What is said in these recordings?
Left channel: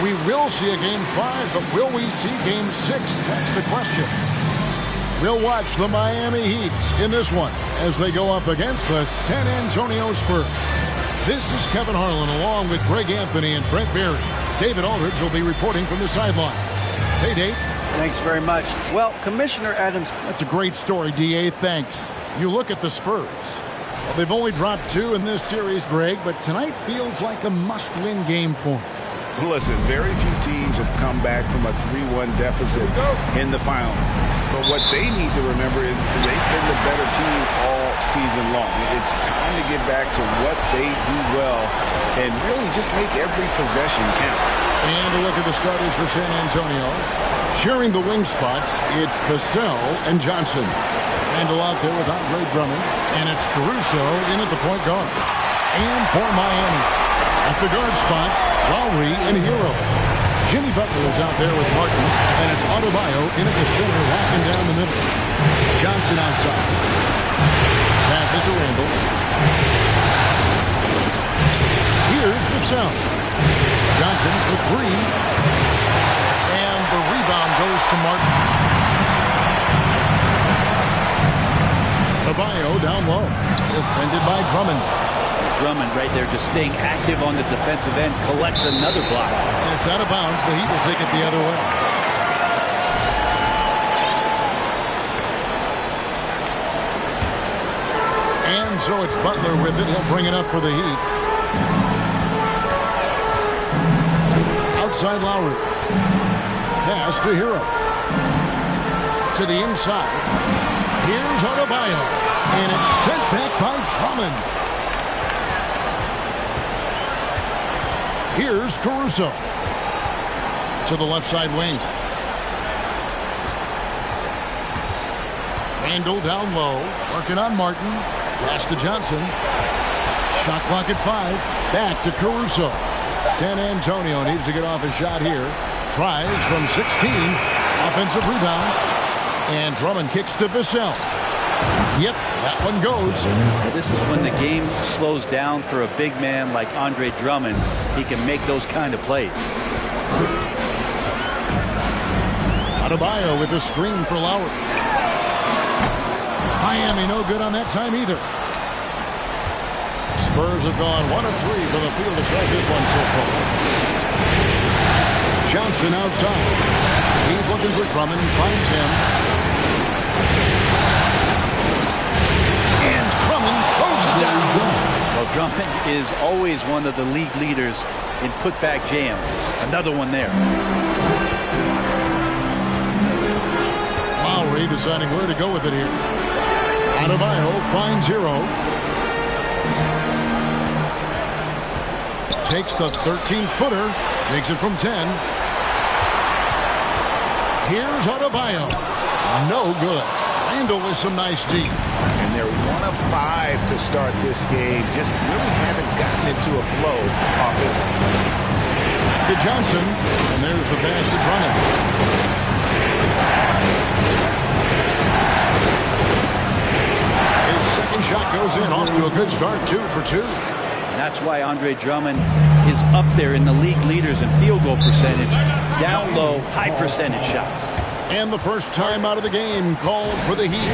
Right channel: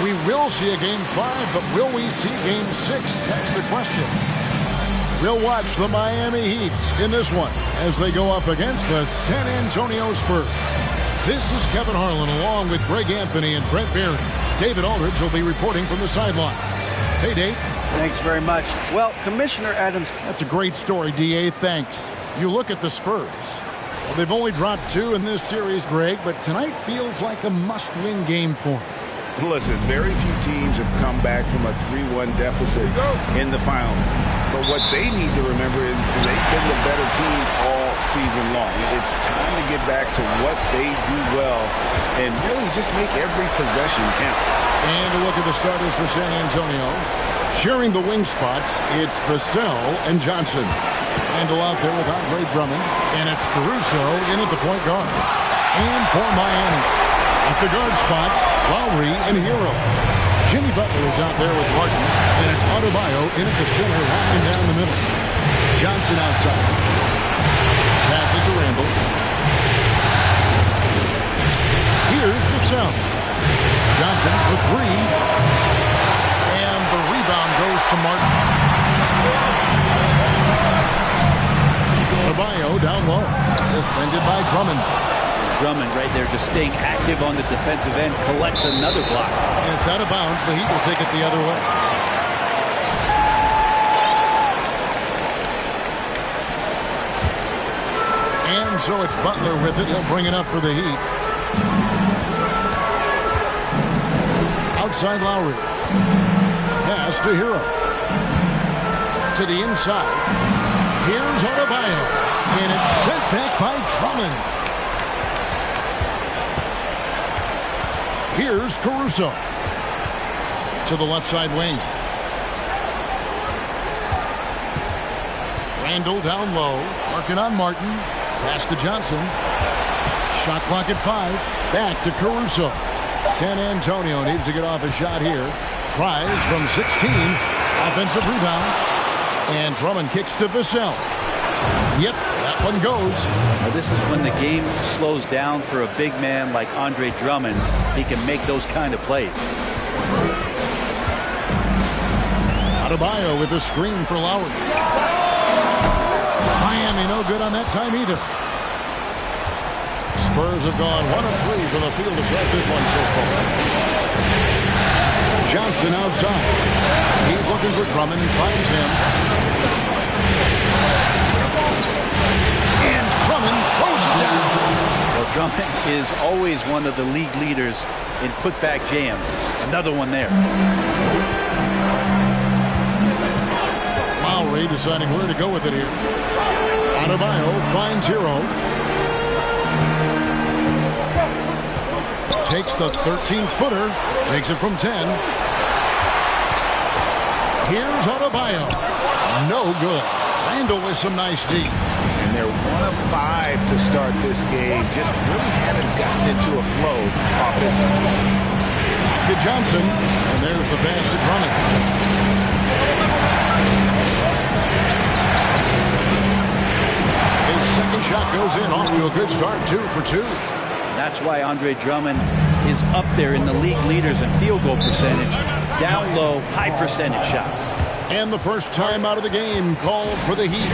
We will see a Game 5, but will we see Game 6? That's the question. We'll watch the Miami Heat in this one as they go up against the San Antonio Spurs. This is Kevin Harlan along with Greg Anthony and Brent Barry. David Aldridge will be reporting from the sideline. Hey, Dave. Thanks very much. Well, Commissioner Adams. That's a great story, D.A. Thanks. You look at the Spurs. Well, they've only dropped 2 in this series, Greg, but tonight feels like a must-win game for them. Listen, very few teams have come back from a 3-1 deficit in the finals. But what they need to remember is they've been the better team all season long. It's time to get back to what they do well and really just make every possession count. And a look at the starters for San Antonio. Sharing the wing spots, it's Vassell and Johnson. Randall out there with Andre Drummond. And it's Caruso in at the point guard. And for Miami, at the guard spots, Lowry and Hero. Jimmy Butler is out there with Martin, and it's Adebayo in at the center, locking down the middle. Johnson outside. Passes to Randall. Here's Vassell. Johnson for 3. And the rebound goes to Martin. Adebayo down low. Defended by Drummond. Drummond right there just staying active on the defensive end, collects another block. And it's out of bounds. The Heat will take it the other way. And so it's Butler with it. He'll bring it up for the Heat. Outside Lowry. Pass to Hero. To the inside. Here's Adebayo. And it's sent back by Drummond. Here's Caruso. To the left side wing. Randall down low. Working on Martin. Pass to Johnson. Shot clock at 5. Back to Caruso. San Antonio needs to get off a shot here. Tries from 16. Offensive rebound. And Drummond kicks to Vassell. Yep, that one goes. Now this is when the game slows down for a big man like Andre Drummond. He can make those kind of plays. Adebayo with a screen for Lowry. Miami no good on that time either. Spurs have gone 1 of 3 from the field to start this one so far. Johnson outside. He's looking for Drummond and finds him. And Drummond throws it down. Well, Drummond is always one of the league leaders in putback jams. Another one there. Lowry deciding where to go with it here. Adebayo finds Hero. Takes the 13-footer. Takes it from 10. Here's Adebayo. No good. Randall with some nice deep. And they're 1 of 5 to start this game. Just really haven't gotten into a flow offensively. Back to Johnson. And there's the pass to Drummond. His second shot goes in. Off to a good start. 2 for 2. And that's why Andre Drummond is up there in the league leaders in field goal percentage. Down low, high percentage shots. And the first time out of the game called for the Heat.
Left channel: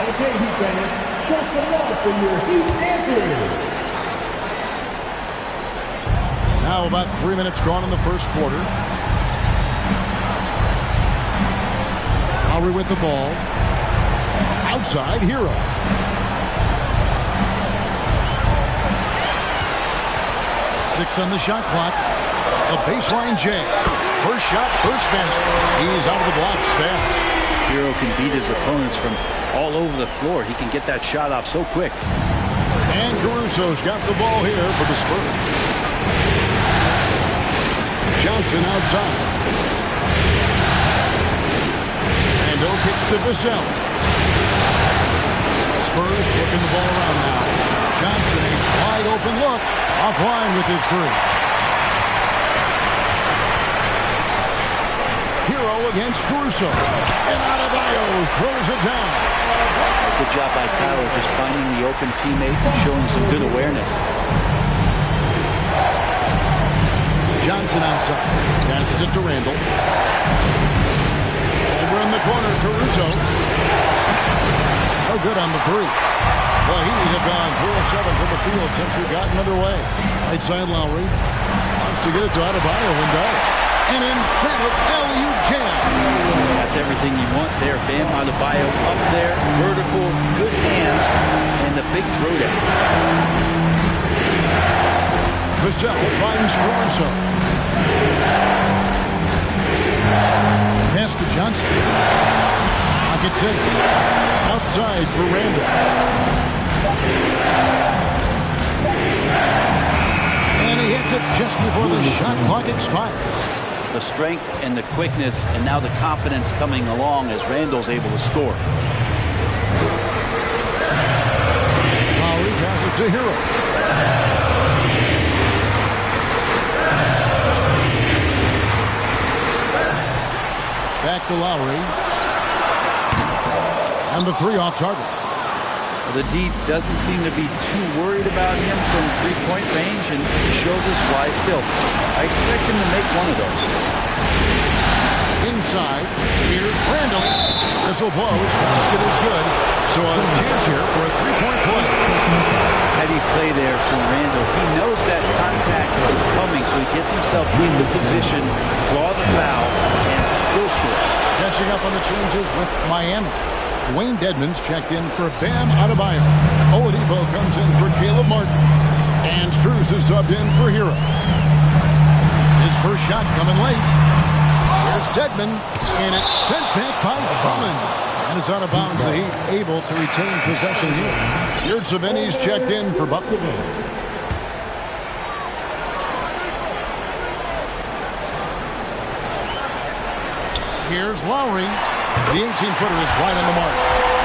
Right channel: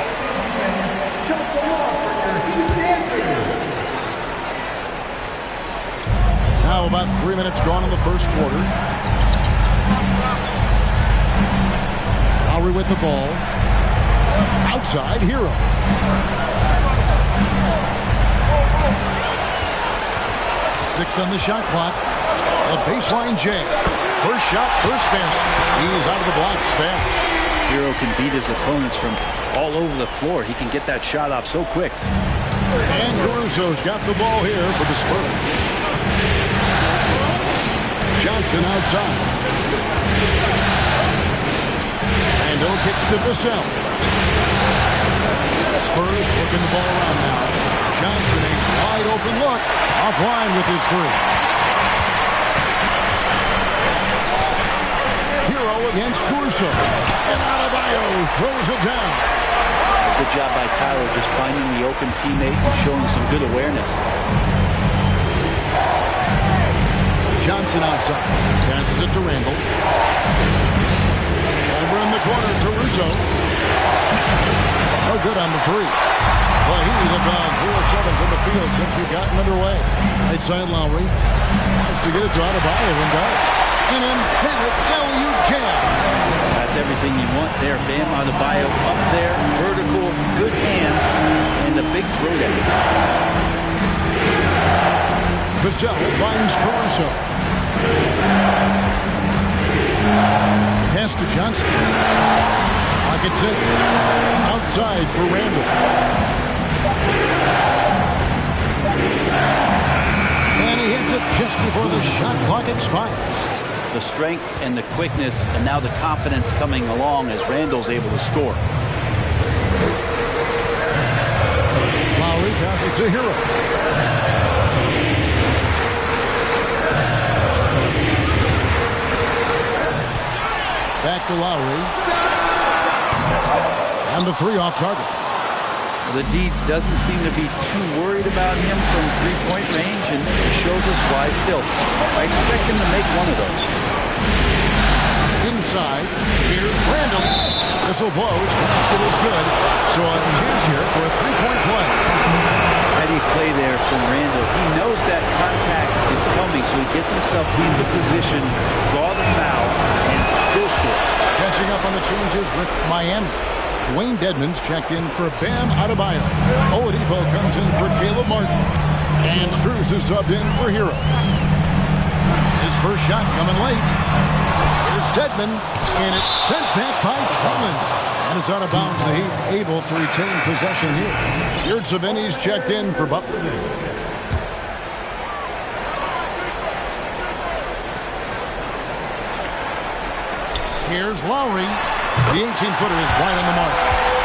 Okay, Heat fans, show some love for your Heat dancers. Now about 3 minutes gone in the first quarter. Lowry with the ball. Outside, Hero. Six on the shot clock. A baseline jam. First shot, first basket. He's out of the blocks fast. Hero can beat his opponents from all over the floor. He can get that shot off so quick. And Caruso's got the ball here for the Spurs. Johnson outside. Randall kicks to Vassell. Spurs working the ball around now. Johnson, a wide open look. Offline with his three. Hero against Caruso. And Adebayo throws it down. Good job by Tyler just finding the open teammate and showing some good awareness. Johnson outside. Passes it to Randall. Over in the corner, Caruso. No good on the three. The Heat have gone 3 of 7 from the field since we've gotten underway. Right side Lowry. Wants to get it to Adebayo and does. An emphatic LU jam. That's everything you want there. Bam Adebayo up there. Vertical, good hands, and a big throwdown. Vassell finds Caruso. Pass to Johnson. Pocket 6. Outside for Randall. And he hits it just before the shot clock expires. The strength and the quickness and now the confidence coming along as Randall's able to score. Lowry passes to Hero. Back to Lowry. And the three off target. Well, the D doesn't seem to be too worried about him from three-point range, and it shows us why still. I expect him to make one of those. Inside, here's Randall. Whistle blows, basket is good. So a chance here for a three-point play. Heady play there from Randall. He knows that contact is coming, so he gets himself into position, draw the foul, and still score. Catching up on the changes with Miami. Dwayne Dedmon's checked in for Bam Adebayo. Oladipo comes in for Caleb Martin. And Strus is subbed in for Hero. His first shot coming late. Here's Dedmon, and it's sent back by Drummond. And it's out of bounds. The Heat able to retain possession here. Yurtseven's checked in for Butler. Here's Lowry. The 18-footer is right on the mark.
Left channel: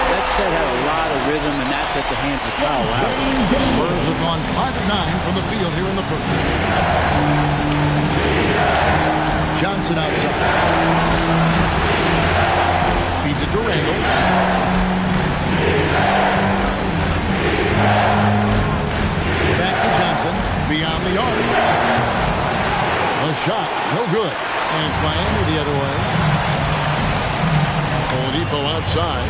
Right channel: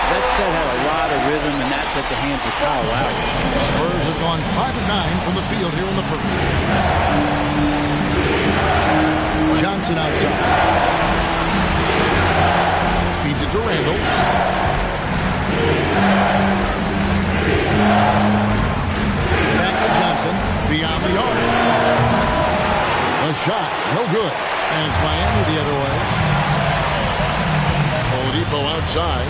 That set had a lot of rhythm, and that's at the hands of Kyle Lowry. Spurs have gone 5 of 9 from the field here in the first. Johnson outside. Feeds it to Randall. Back to Johnson. Beyond the arc. A shot. No good. And it's Miami the other way. Oladipo outside.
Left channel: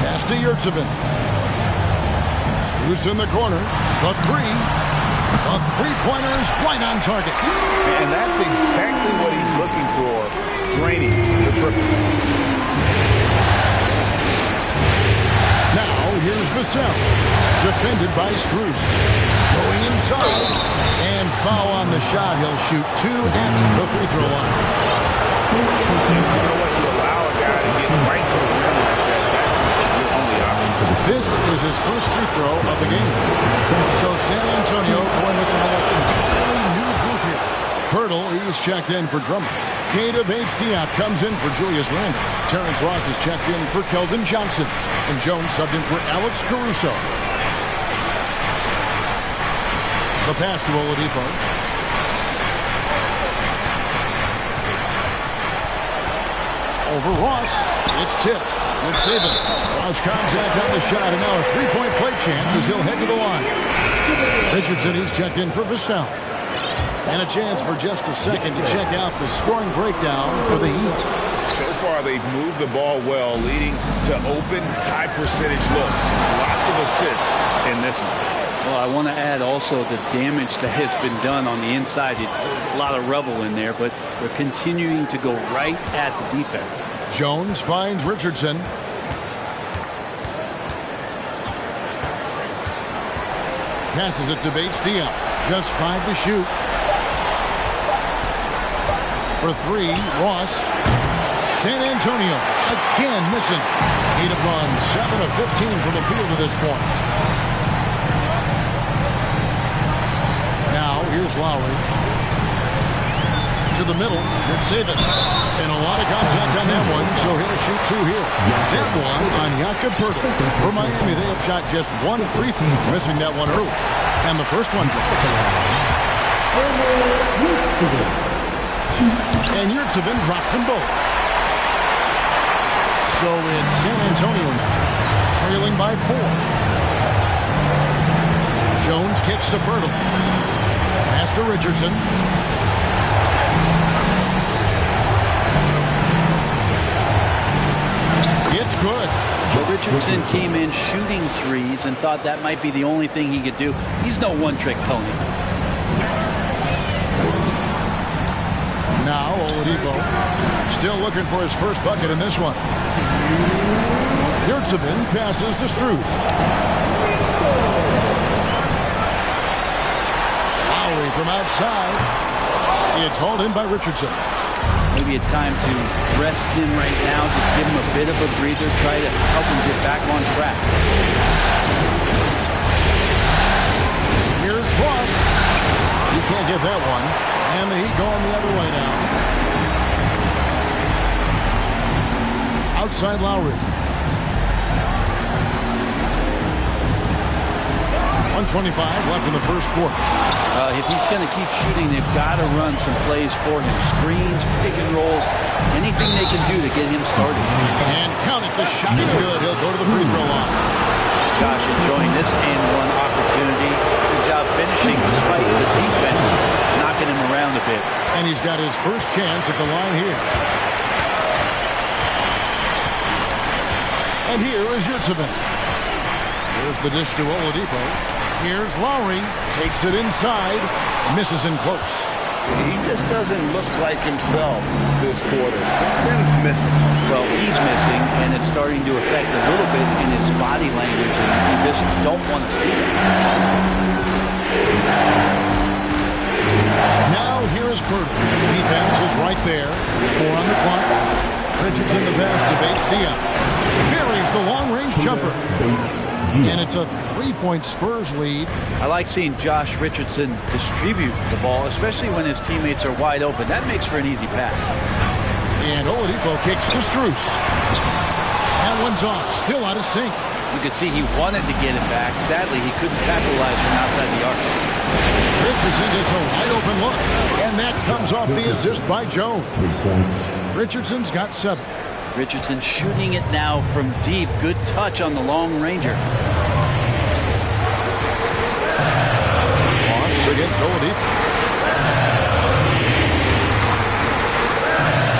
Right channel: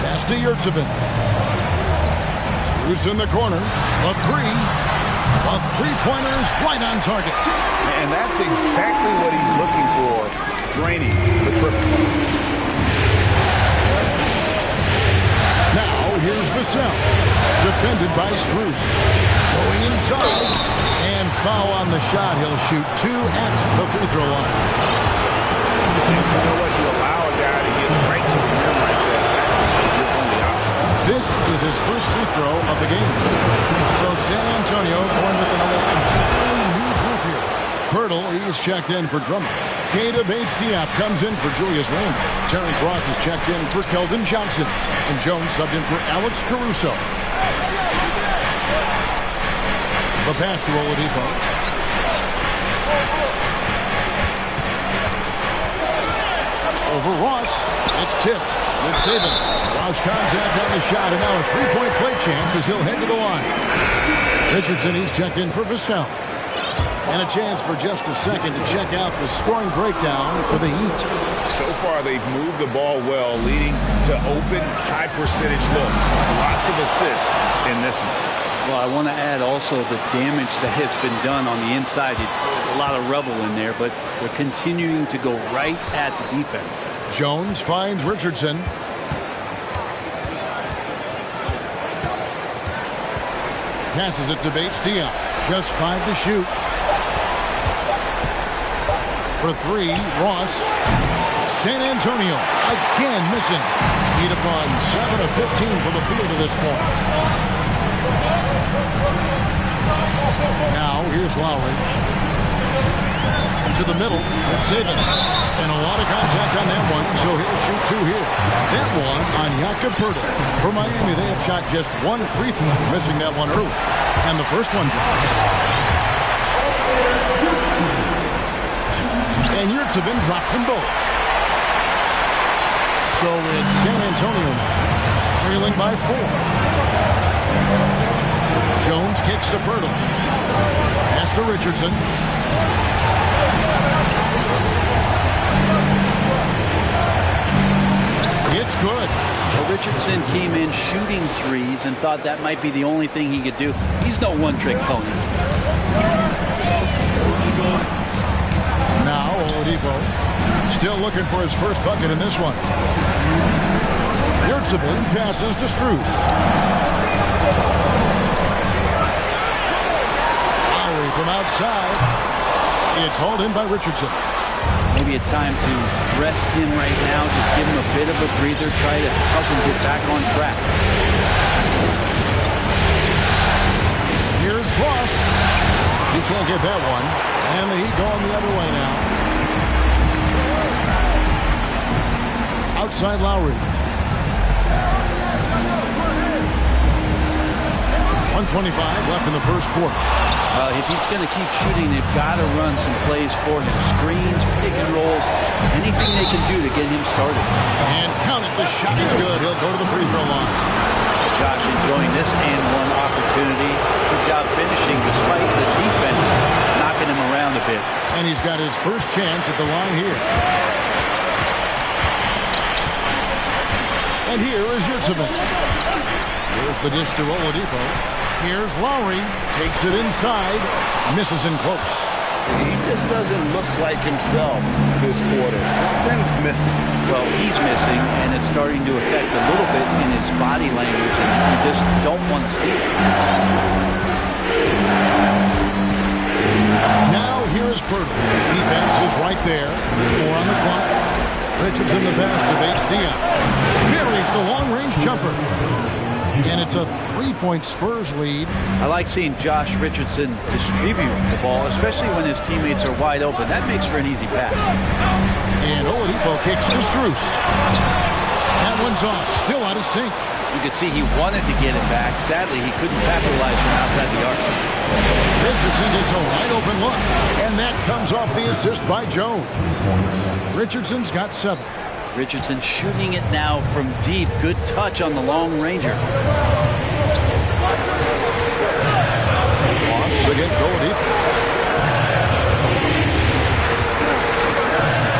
Pass to Yurtseven. Strus in the corner. The three. The three-pointer is right on target. And that's exactly what he's looking for. Draining the triple. Now here's Vassell. Defended by Strus. Going inside. And foul on the shot. He'll shoot 2 at the free throw line. And you know what? You allow a guy to get right to the rim like that. That's your only option. This is his first free throw of the game. So San Antonio going with an almost entirely new group here. Pirtle, he's checked in for Drummond. Keita Bates-Diop comes in for Julius Randle. Terrence Ross is checked in for Keldon Johnson. And Jones subbed in for Alex Caruso. The pass to Oladipo. Over Ross. It's tipped. Nick Saban. Lost contact on the shot, and now a three-point play chance as he'll head to the line. Richardson, he's checked in for Vassell. And a chance for just a second to check out the scoring breakdown for the Heat. So far, they've moved the ball well, leading to open, high-percentage looks. Lots of assists in this one. Well, I want to add also the damage that has been done on the inside. It's a lot of rubble in there, but they're continuing to go right at the defense. Jones finds Richardson. Passes it to Bates-Diop. Just 5 to shoot. For 3, Ross. San Antonio again missing. He'd have gone 7 of 15 from the field to this point. Now here's Lowry. To the middle. It's Saban. And a lot of contact on that one, so he'll shoot 2 here. That one on Jakob Pirtle. For Miami, they have shot just 1 free throw, missing that one early. And the first one drops. And Yurtseven drops them both. So it's San Antonio now, trailing by 4. Jones kicks to Pirtle. Pass to Richardson. It's good. So Richardson came in shooting threes and thought that might be the only thing he could do. He's no one-trick pony. Now Oladipo still looking for his first bucket in this one. Yurtseven passes to Strus. Lowry from outside. It's hauled in by Richardson. Maybe a time to rest him right now. Just give him a bit of a breather. Try to help him get back on track. Here's Ross. He can't get that one. And the Heat going the other way now. Outside Lowry. 1:25 left in the first quarter. If he's going to keep shooting, they've got to run some plays for him. Screens, pick and rolls, anything they can do to get him started. And count it. The shot is good. He'll go to the free throw line. Josh enjoying this and one opportunity. Good job finishing despite the defense knocking him around a bit. And he's got his first chance at the line here. And here is Yurtseven. Here's the dish to Oladipo. Here's Lowry. Takes it inside. Misses in close. He just doesn't look like himself this quarter. Something's missing. Well, he's missing, and it's starting to affect a little bit in his body language, and you just don't want to see that. Now here is Pirtle. Defense is right there. 4 on the clock. Richardson the pass to Bates-Diop. Buries the long-range jumper. And it's a 3-point Spurs lead. I like seeing Josh Richardson distribute the ball, especially when his teammates are wide open. That makes for an easy pass. And Oladipo kicks to Strus. That one's off. Still out of sync. You could see he wanted to get him back. Sadly, he couldn't capitalize from outside the arc. Richardson gets a wide open look. And that comes off the assist by Jones. Richardson's got 7. Richardson shooting it now from deep. Good touch on the long ranger. Ross against Oladipo.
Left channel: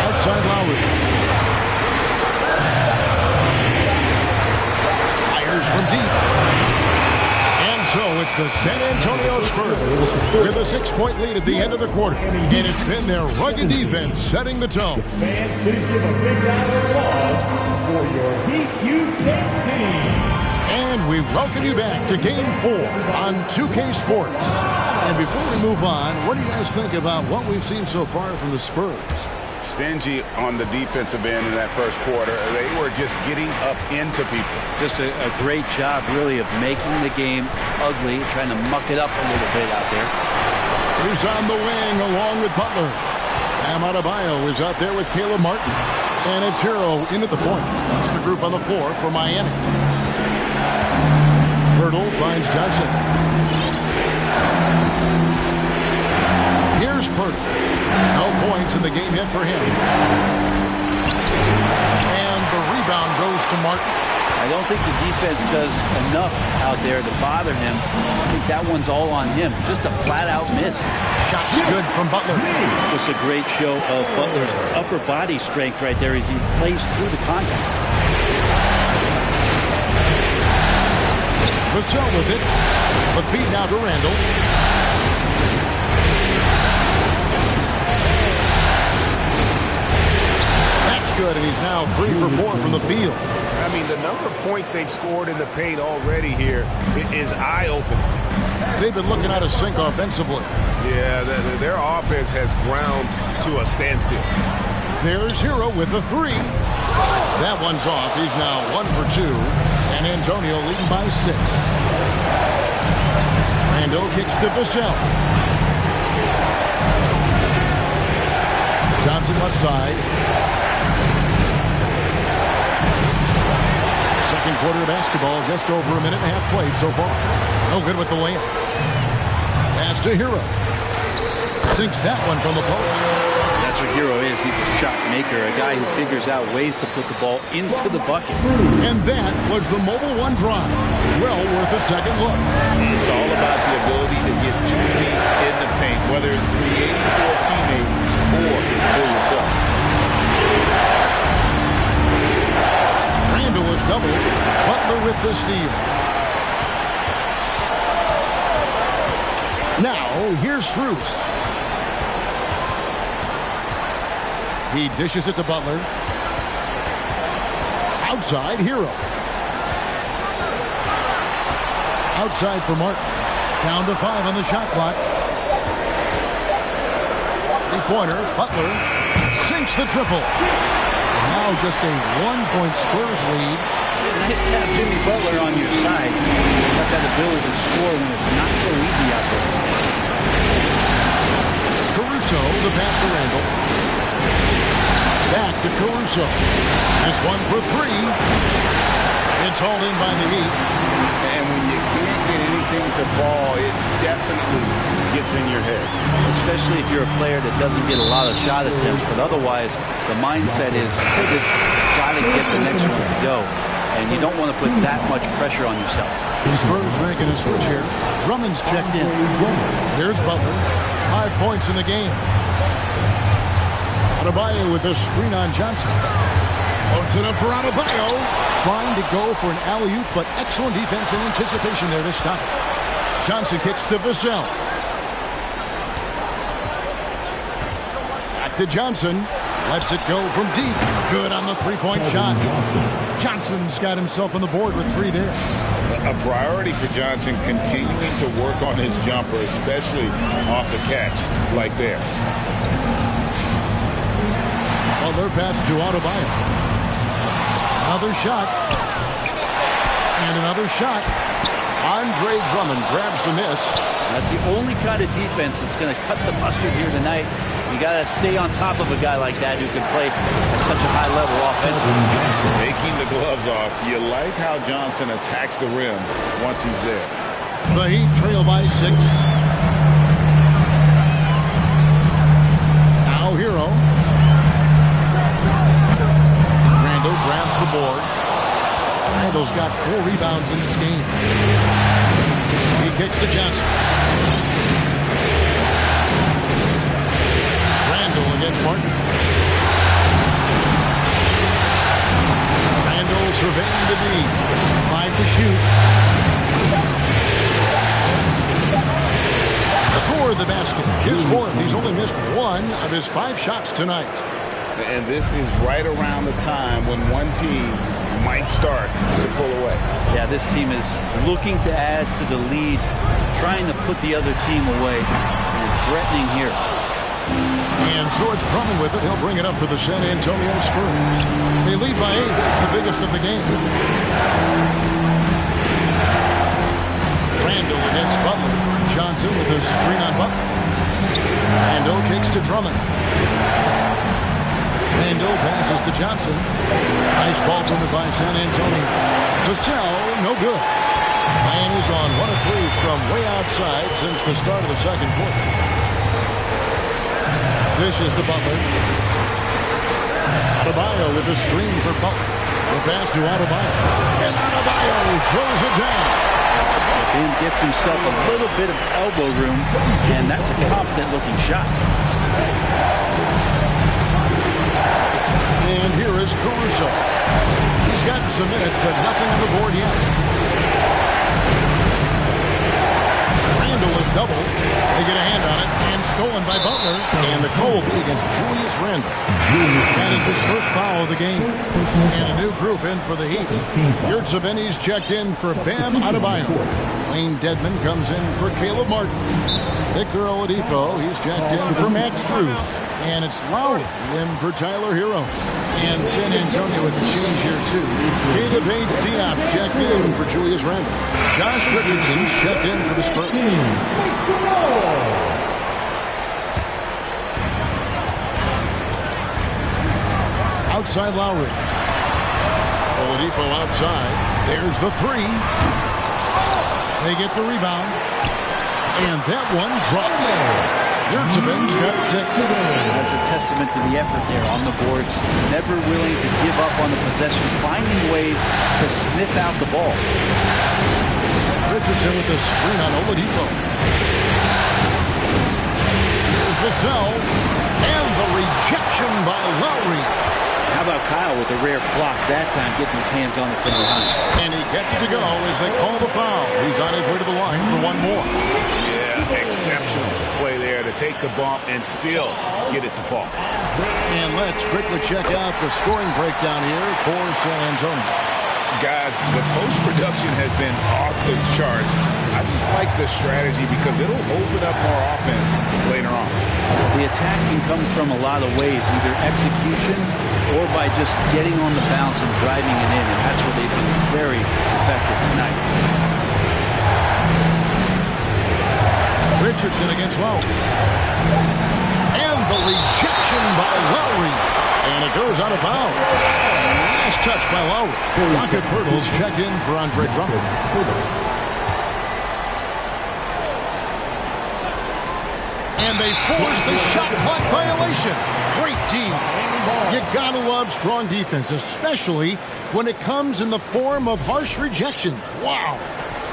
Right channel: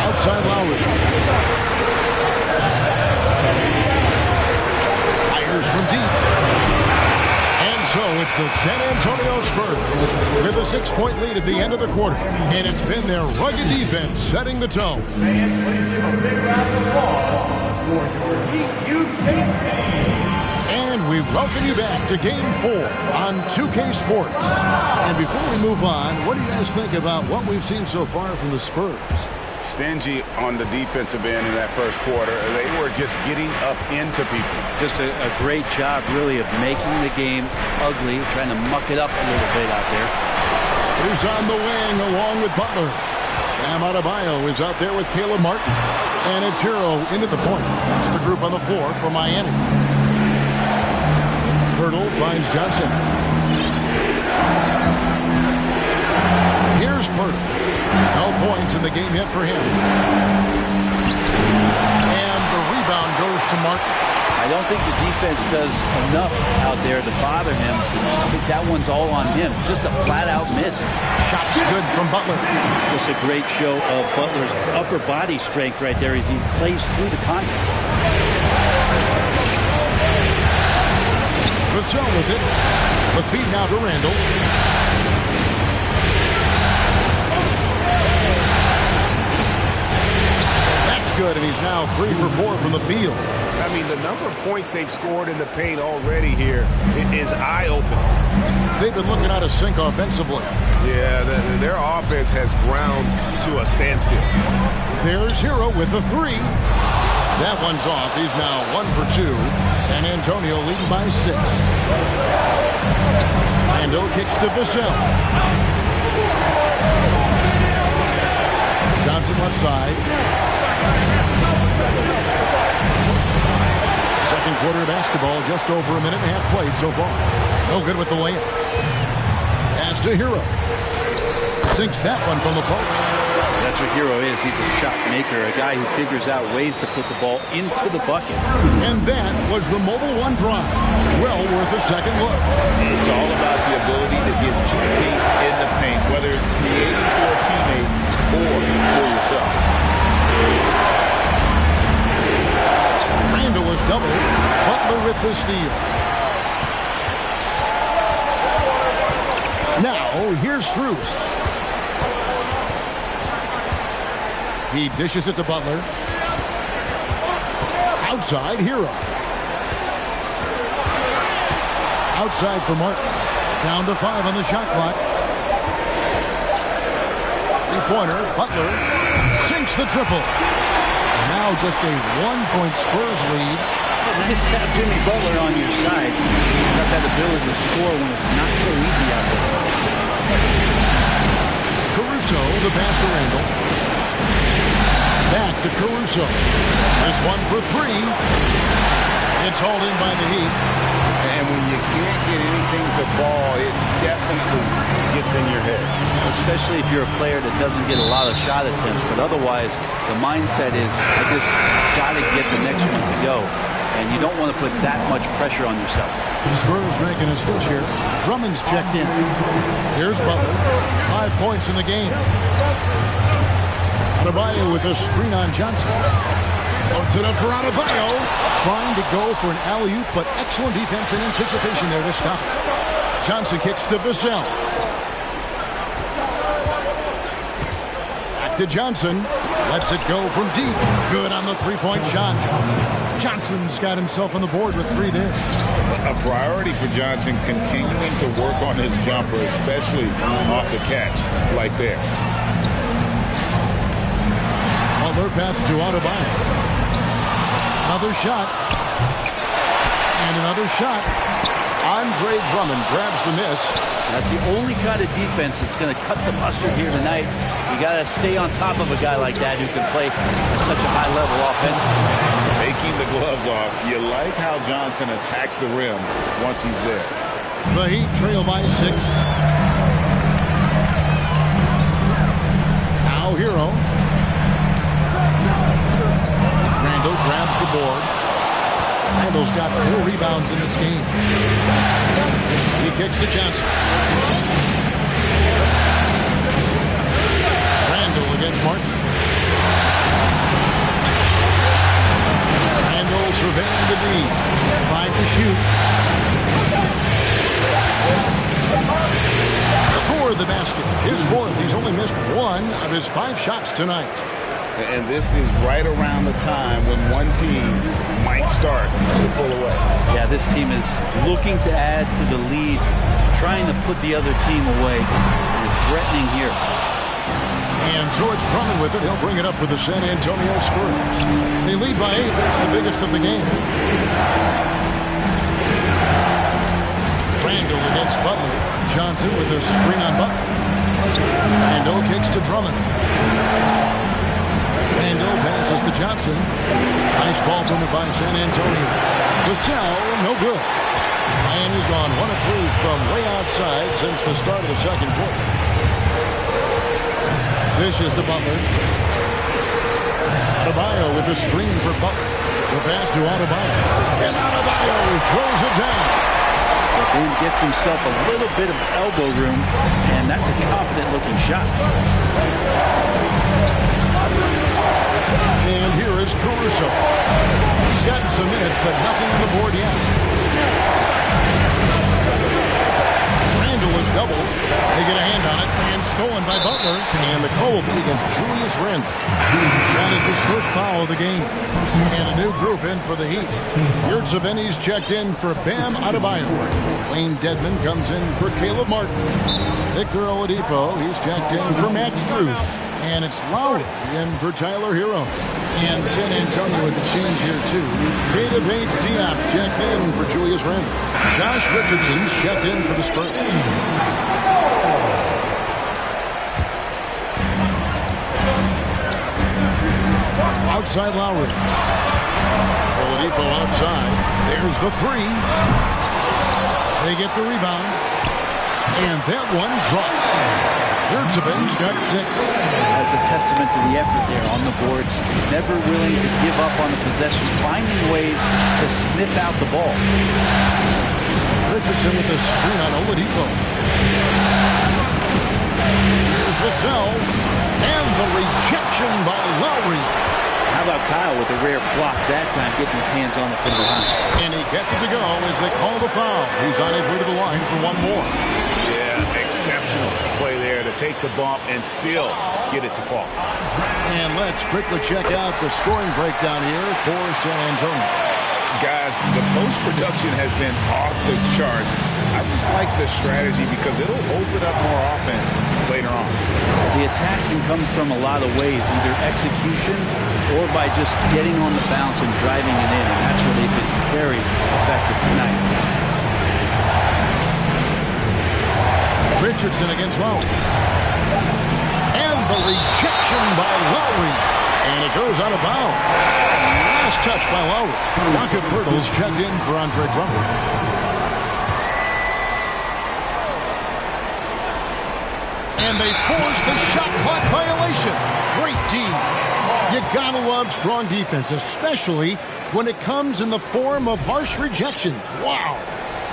Outside Lowry. Fires from deep. And so it's the San Antonio Spurs with a 6-point lead at the end of the quarter. And it's been their rugged defense setting the tone. Fans, please give a big round of applause for your Heat Youth Dance Team. And we welcome you back to Game 4 on 2K Sports. And before we move on, what do you guys think about what we've seen so far from the Spurs? Stingy on the defensive end in that first quarter. They were just getting up into people. Just a great job, really, of making the game ugly, trying to muck it up a little bit out there. Who's on the wing along with Butler. Bam Adebayo is out there with Caleb Martin. And it's Hero in at the point. That's the group on the floor for Miami. Hurdle finds Johnson. Here's Pirtle. No points in the game yet for him. And the rebound goes to Martin. I don't think the defense does enough out there to bother him. I think that one's all on him. Just a flat-out miss. Shot's good from Butler. Just a great show of Butler's upper body strength right there as he plays through the contact. Vassell with it. The feed now to Randall. That's good, and he's now 3 for 4 from the field. I mean, the number of points they've scored in the paint already here is eye-opening. They've been looking out of sync offensively. Yeah, their offense has ground to a standstill. There's Hero with the 3. That one's off. He's now 1 for 2. San Antonio leading by 6. Randall kicks to Vassell. Johnson left side. Second quarter of basketball, just over a minute and a half played so far. No good with the layup. Pass to Hero. Sinks that one from the post. That's what Hero is. He's a shot maker, a guy who figures out ways to put the ball into the bucket. And that was the Mobile One drive. Well worth a second look. It's all about the ability to get 2 feet in the paint, whether it's creating for a teammate or for yourself. Randall is doubled. Butler with the steal. Now, here's Strus. He dishes it to Butler. Outside, Hero. Outside for Martin. Down to 5 on the shot clock. Three-pointer. Butler sinks the triple. Now just a 1-point Spurs lead. Yeah, nice to have Jimmy Butler on your side. You've got that ability to score when it's not so easy out there. Caruso, the pass to Randall. Back to Caruso. This one for 3. It's hauled in by the Heat. And when you can't get anything to fall, it definitely gets in your head. Especially if you're a player that doesn't get a lot of shot attempts. But otherwise, the mindset is, I just got to get the next one to go. And you don't want to put that much pressure on yourself. The Spurs making a switch here. Drummond's checked in. Here's Butler. 5 points in the game. Adebayo with a screen on Johnson. Loads it up for Adebayo. Trying to go for an alley-oop, but excellent defense and anticipation there to stop it. Johnson kicks to Vassell. Back to Johnson. Lets it go from deep. Good on the three-point shot. Johnson's got himself on the board with 3 there. A priority for Johnson continuing to work on his jumper, especially off the catch like there. Butler passes to Adebayo. Another shot. And another shot. Andre Drummond grabs the miss. That's the only kind of defense that's going to cut the mustard here tonight. You got to stay on top of a guy like that who can play at such a high level offensively. Taking the gloves off, you like how Johnson attacks the rim once he's there. The Heat trail by 6. Now Hero. Randall grabs the board. Randall's got 4 rebounds in this game. He kicks to Johnson. Randall against Martin. Randall surveying the D. 5 to shoot. Score the basket. His 4th. He's only missed 1 of his 5 shots tonight. And this is right around the time when one team might start to pull away. Yeah, this team is looking to add to the lead, trying to put the other team away, and threatening here. And so it's Drummond with it. He'll bring it up for the San Antonio Spurs. They lead by 8. That's the biggest of the game. Randall against Butler. Johnson with a screen on Butler. Randall kicks to Drummond. Randall passes to Johnson. Nice ball movement by San Antonio. Vassell, no good. Miami's on 1 of 3 from way outside since the start of the second quarter. Dishes to Butler. Adebayo with the screen for Butler. The pass to Adebayo. And Adebayo throws it down. Ben gets himself a little bit of elbow room, and that's a confident-looking shot. And here is Caruso. He's gotten some minutes, but nothing on the board yet. Randall is doubled. They get a hand on it, and stolen by Butler. And the call will be against Julius Randle. That is his first foul of the game. And a new group in for the Heat. Yurtseven Benny's checked in for Bam Adebayo. Wayne Dedmon comes in for Caleb Martin. Victor Oladipo, he's checked in for Max Strus. And it's Lowry in for Tyler Hero. And San Antonio with the change here, too. Keita Bates-Diop's checked in for Julius Randle. Josh Richardson's checked in for the Spurs. Outside Lowry. Oladipo outside. There's the 3. They get the rebound. And that one drops. Yurtseven's got 6. That's a testament to the effort there on the boards. Never willing to give up on the possession, finding ways to sniff out the ball. Richardson with the screen on Oladipo. Here's Vassell. And the rejection by Lowry. How about Kyle with a rare block that time, getting his hands on it from behind. And he gets it to go as they call the foul. He's on his way to the line for one more. Yeah, exceptional play there to take the bump and still get it to fall. And let's quickly check out the scoring breakdown here for San Antonio. Guys, the post production has been off the charts. I just like the strategy because it'll open up more offense later on. The attack can come from a lot of ways, either execution or by just getting on the bounce and driving it in, and that's where they've been very effective tonight. Richardson against Lowry. And the rejection by Lowry. And it goes out of bounds. Last touch by Lowry. Rocket Pirtle's checked in for Andre Drummond. And they force the shot clock violation. Great D. You gotta love strong defense, especially when it comes in the form of harsh rejections. Wow.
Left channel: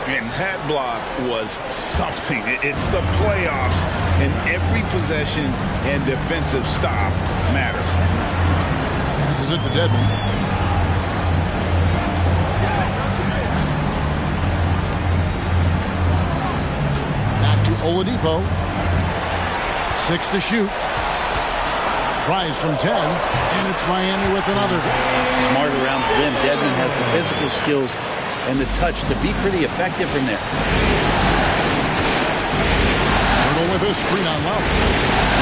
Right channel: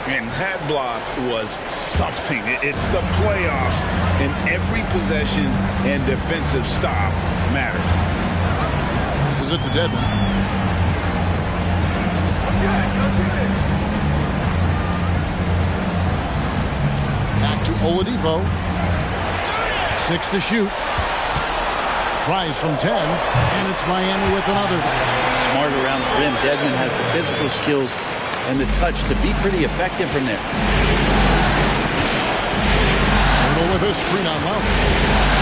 And that block was something. It's the playoffs, and every possession and defensive stop matters. Passes it to Dedmon. Back to Oladipo. 6 to shoot. Tries from 10, and it's Miami with another. Smart around the rim. Dedmon has the physical skills and the touch to be pretty effective from there. Pirtle with a screen on Lowry.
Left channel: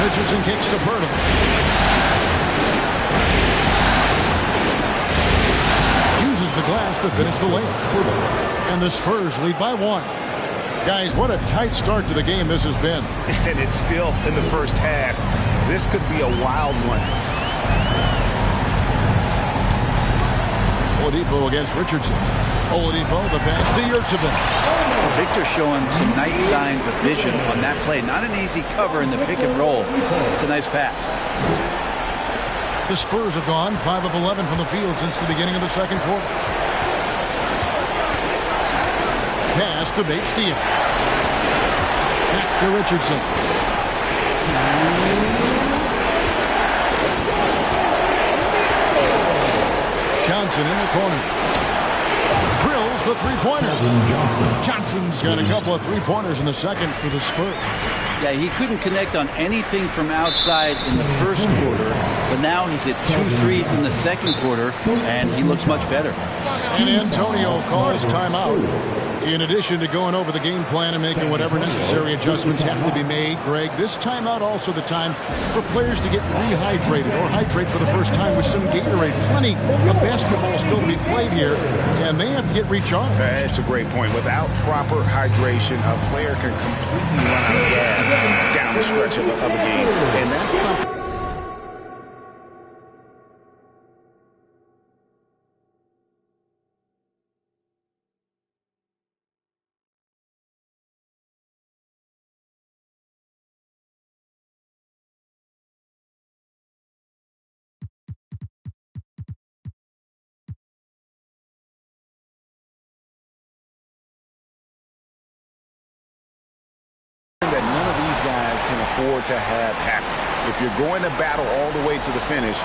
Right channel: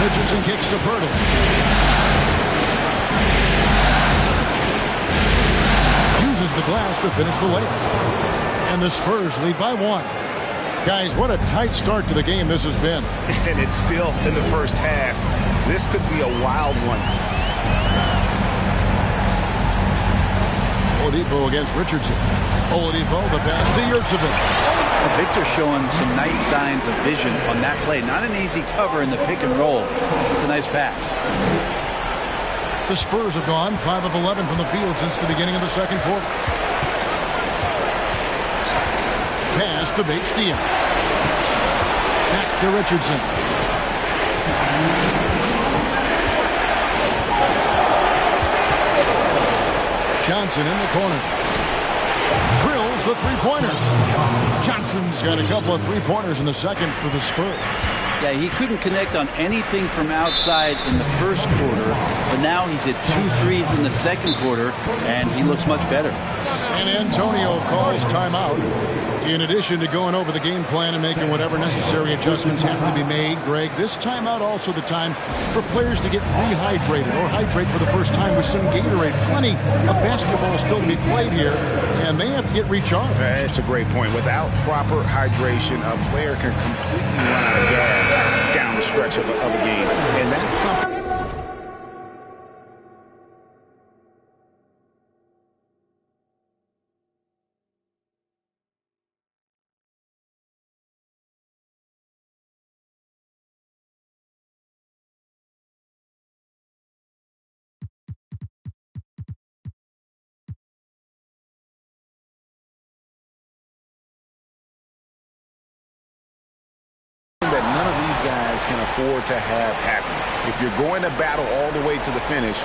Richardson kicks to Pirtle. Uses the glass to finish the layup. And the Spurs lead by 1. Guys, what a tight start to the game this has been. And it's still in the first half. This could be a wild one. Oladipo against Richardson. Oladipo, the pass to Yurtseven. Well, Victor showing some nice signs of vision on that play. Not an easy cover in the pick and roll. It's a nice pass. The Spurs have gone 5 of 11 from the field since the beginning of the second quarter. Pass to Bates-Diop. Back to Richardson. Johnson in the corner. Drills the three-pointer. Johnson's got a couple of three-pointers in the second for the Spurs. Yeah, he couldn't connect on anything from outside in the first quarter, but now he's hit 2 threes in the second quarter, and he looks much better. San Antonio calls timeout. In addition to going over the game plan and making whatever necessary adjustments have to be made, Greg, this timeout also the time for players to get rehydrated or hydrate for the first time with some Gatorade. Plenty of basketball still to be played here, and they have to get recharged. That's a great point. Without proper hydration, a player can completely run out of gas down the stretch of a game, and that's something. That none of these guys can afford to have happen. If you're going to battle all the way to the finish,